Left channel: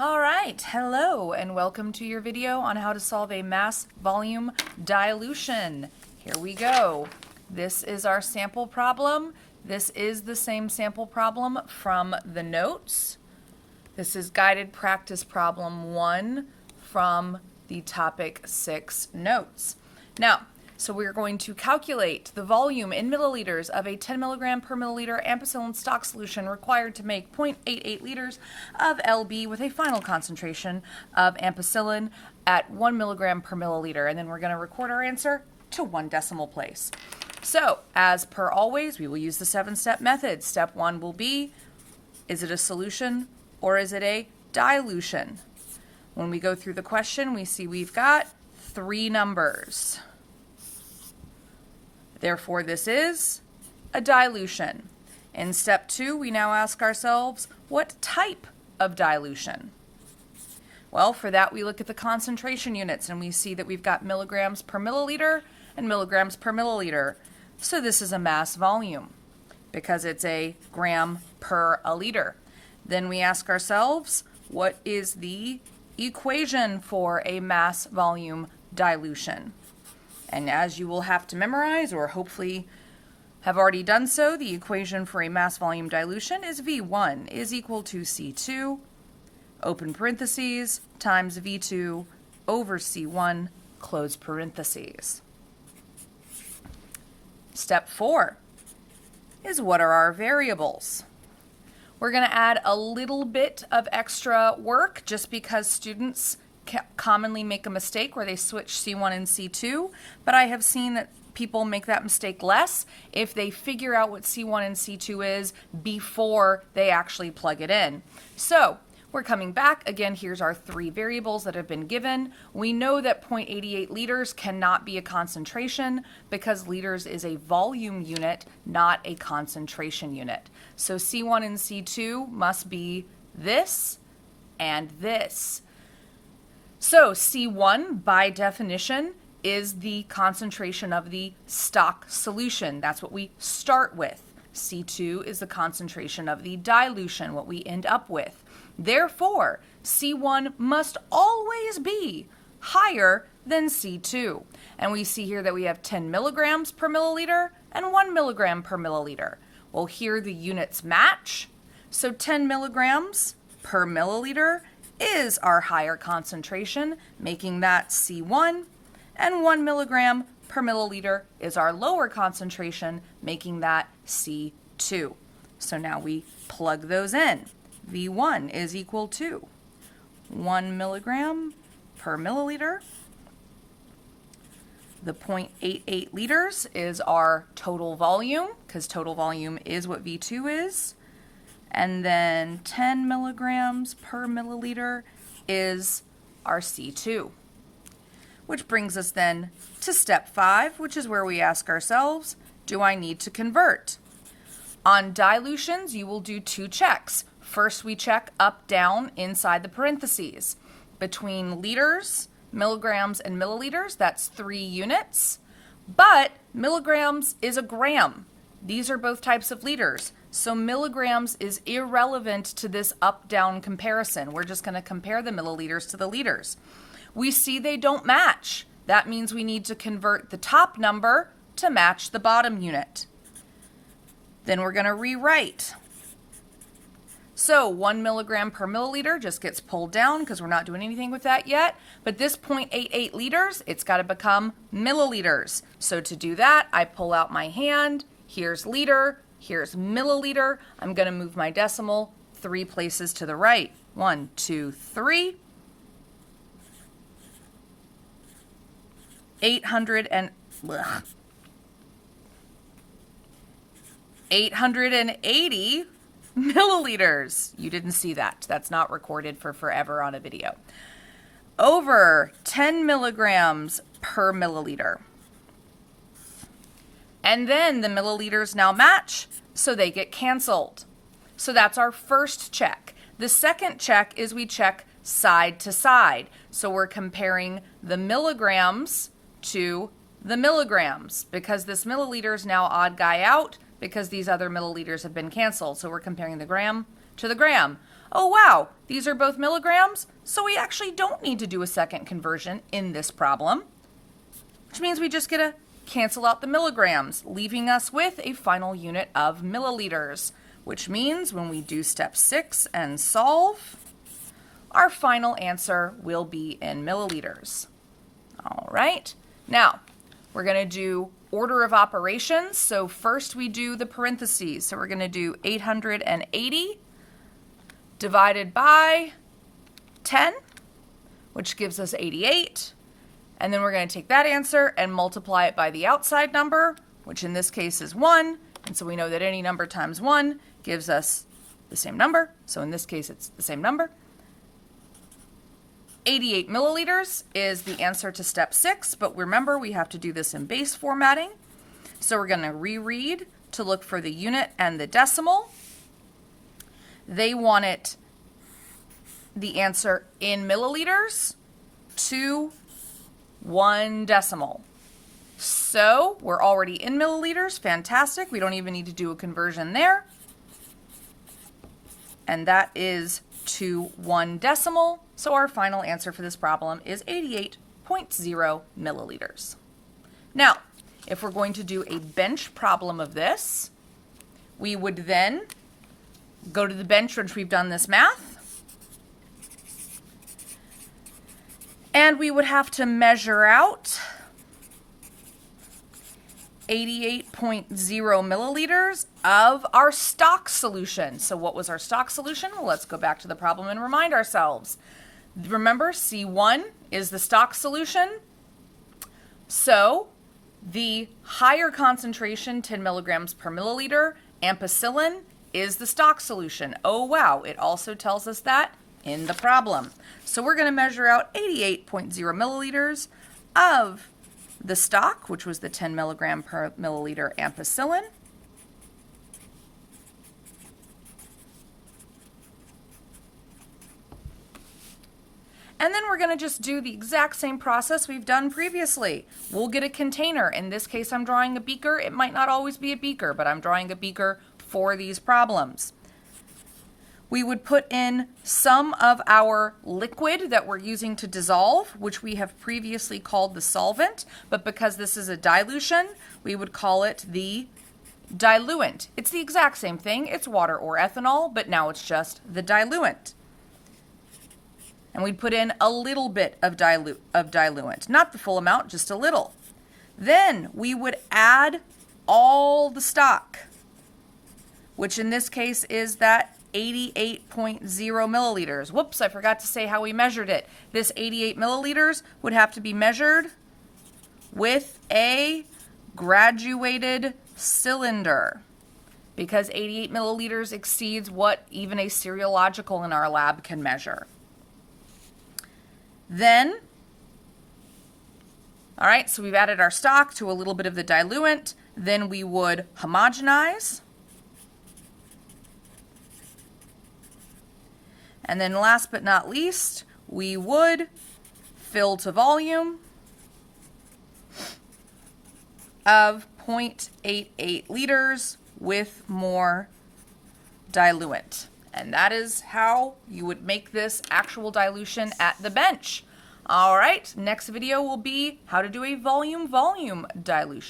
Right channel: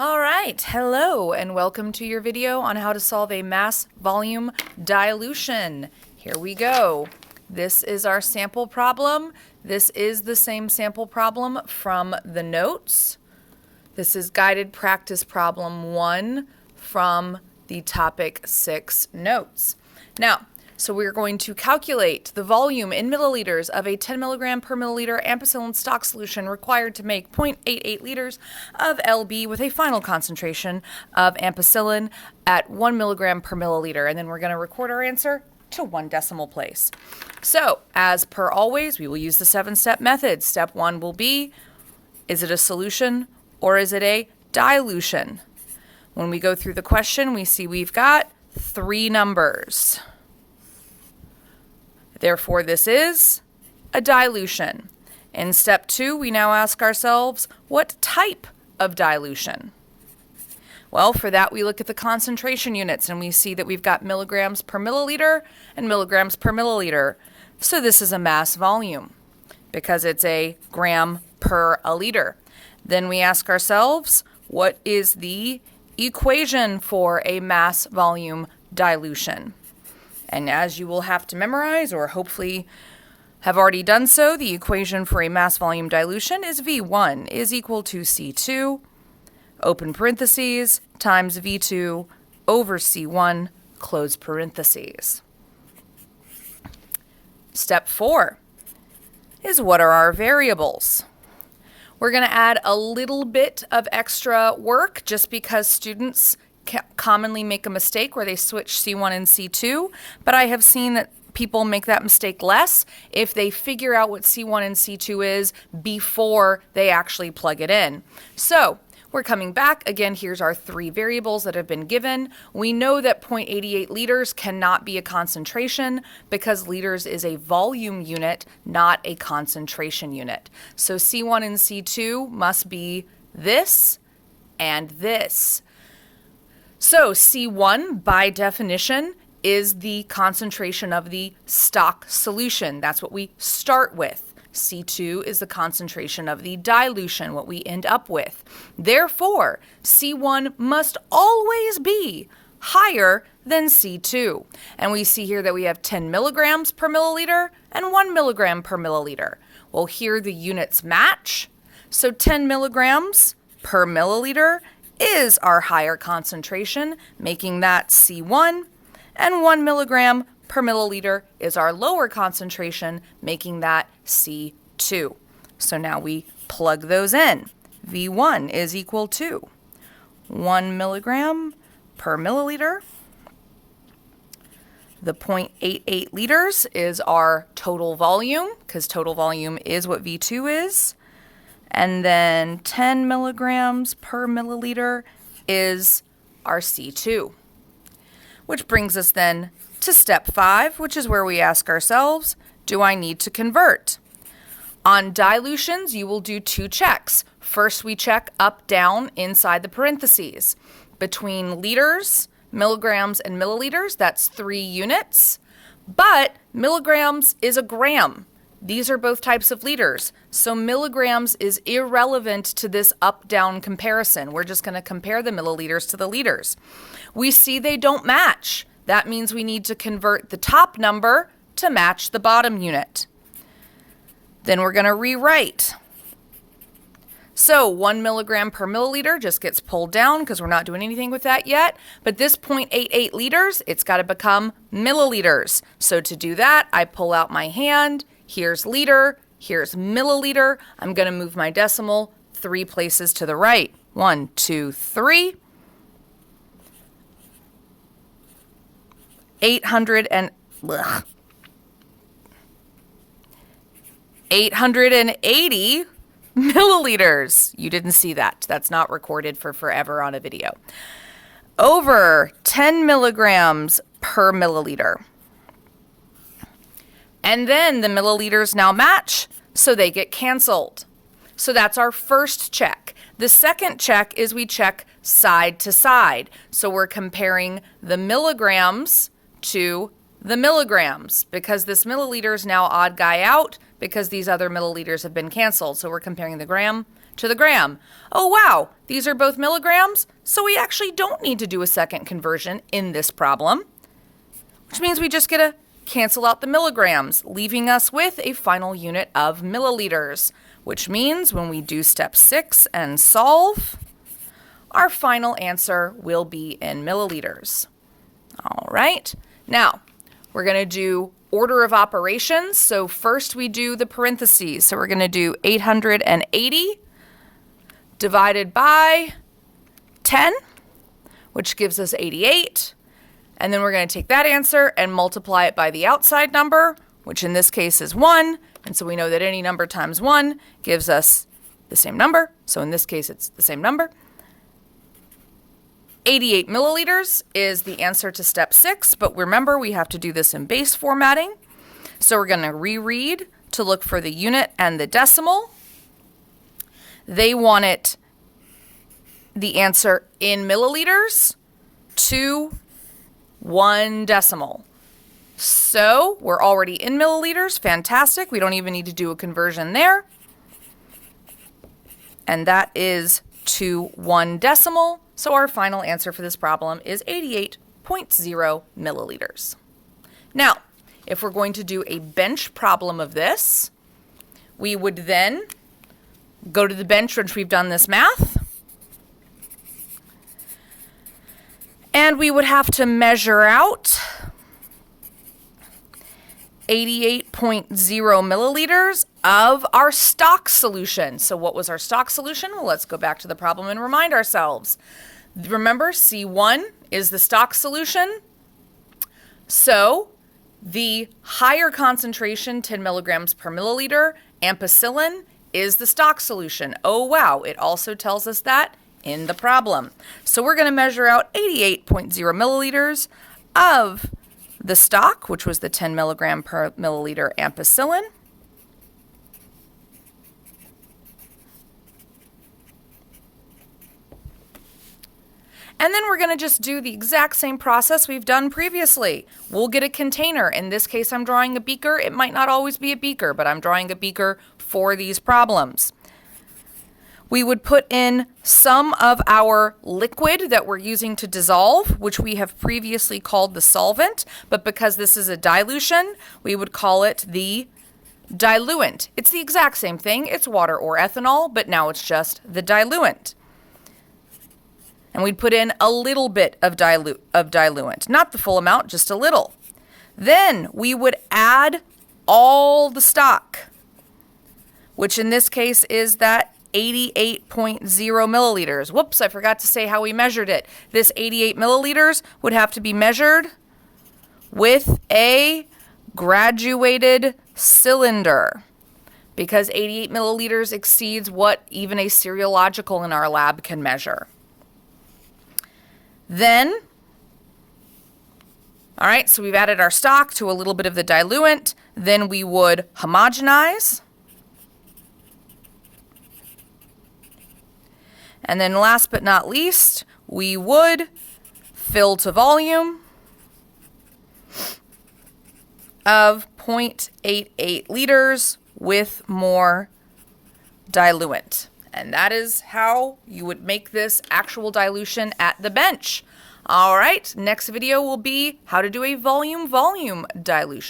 All right, hello and welcome to your video on how to solve a mass volume dilution. Here we go. This is our sample problem. This is the same sample problem from the notes. This is guided practice problem 1 from the topic 6 notes. Now, so we're going to calculate the volume in milliliters of a 10 milligram per milliliter ampicillin stock solution required to make 0.88 liters of LB with a final concentration of ampicillin at 1 milligram per milliliter. And then we're going to record our answer to 1 decimal place. So, as per always, we will use the 7-step method. Step 1 will be, is it a solution or is it a dilution? When we go through the question, we see we've got 3 numbers. Therefore, this is a dilution. In step 2, we now ask ourselves, what type of dilution? Well, for that, we look at the concentration units, and we see that we've got milligrams per milliliter and milligrams per milliliter. So this is a mass volume because it's a gram per a liter. Then we ask ourselves, what is the equation for a mass volume dilution? And as you will have to memorize, or hopefully have already done so, the equation for a mass volume dilution is V1 is equal to C2, open parentheses, times V2 over C1, close parentheses. Step 4 is, what are our variables? We're going to add a little bit of extra work just because students commonly make a mistake where they switch C1 and C2, but I have seen that people make that mistake less if they figure out what C1 and C2 is before they actually plug it in. So we're coming back. Again, here's our 3 variables that have been given. We know that 0.88 liters cannot be a concentration because liters is a volume unit, not a concentration unit. So C1 and C2 must be this and this. So C1, by definition, is the concentration of the stock solution. That's what we start with. C2 is the concentration of the dilution, what we end up with. Therefore, C1 must always be higher than C2. And we see here that we have 10 milligrams per milliliter and 1 milligram per milliliter. Well, here the units match. So 10 milligrams per milliliter is our higher concentration, making that C1, and 1 milligram per milliliter is our lower concentration, making that C2. So now we plug those in. V1 is equal to 1 milligram per milliliter. The 0.88 liters is our total volume, because total volume is what V2 is. And then 10 milligrams per milliliter is our C2. Which brings us then to step 5, which is where we ask ourselves, do I need to convert? On dilutions, you will do 2 checks. First, we check up, down inside the parentheses. Between liters, milligrams, and milliliters, that's 3 units. But milligrams is a gram. These are both types of liters, so milligrams is irrelevant to this up-down comparison. We're just going to compare the milliliters to the liters. We see they don't match. That means we need to convert the top number to match the bottom unit. Then we're going to rewrite. So 1 milligram per milliliter just gets pulled down because we're not doing anything with that yet. But this 0.88 liters, it's got to become milliliters. So to do that, I pull out my hand. Here's liter, here's milliliter. I'm going to move my decimal 3 places to the right. 1, 2, 3. 880 milliliters. You didn't see that. That's not recorded for forever on a video. Over 10 milligrams per milliliter. And then the milliliters now match, so they get canceled. So that's our first check. The second check is we check side to side. So we're comparing the milligrams to the milligrams because this milliliter is now odd guy out because these other milliliters have been canceled. So we're comparing the gram to the gram. Oh wow, these are both milligrams, so we actually don't need to do a second conversion in this problem, which means we just get to cancel out the milligrams, leaving us with a final unit of milliliters, which means when we do step 6 and solve, our final answer will be in milliliters. All right, now we're going to do order of operations. So first we do the parentheses. So we're going to do 880 divided by 10, which gives us 88. And then we're going to take that answer and multiply it by the outside number, which in this case is 1. And so we know that any number times 1 gives us the same number. So in this case, it's the same number. 88 milliliters is the answer to step 6, but remember we have to do this in base formatting. So we're going to reread to look for the unit and the decimal. They want the answer in milliliters to 1 decimal. So we're already in milliliters. Fantastic. We don't even need to do a conversion there. And that is to 1 decimal. So our final answer for this problem is 88.0 milliliters. Now, if we're going to do a bench problem of this, we would then go to the bench once we've done this math. And we would have to measure out 88.0 milliliters of our stock solution. So what was our stock solution? Well, let's go back to the problem and remind ourselves. Remember, C1 is the stock solution. So the higher concentration, 10 milligrams per milliliter, ampicillin, is the stock solution. Oh wow, it also tells us that in the problem. So we're going to measure out 88.0 milliliters of the stock, which was the 10 milligram per milliliter ampicillin. And then we're going to just do the exact same process we've done previously. We'll get a container. In this case, I'm drawing a beaker. It might not always be a beaker, but I'm drawing a beaker for these problems. We would put in some of our liquid that we're using to dissolve, which we have previously called the solvent, but because this is a dilution, we would call it the diluent. It's the exact same thing. It's water or ethanol, but now it's just the diluent. And we'd put in a little bit of diluent, not the full amount, just a little. Then we would add all the stock, which in this case is that 88.0 milliliters. Whoops, I forgot to say how we measured it. This 88 milliliters would have to be measured with a graduated cylinder because 88 milliliters exceeds what even a seriological in our lab can measure. Then, all right, so we've added our stock to a little bit of the diluent. Then we would homogenize. And then last but not least, we would fill to volume of 0.88 liters with more diluent. And that is how you would make this actual dilution at the bench. All right, next video will be how to do a volume dilution.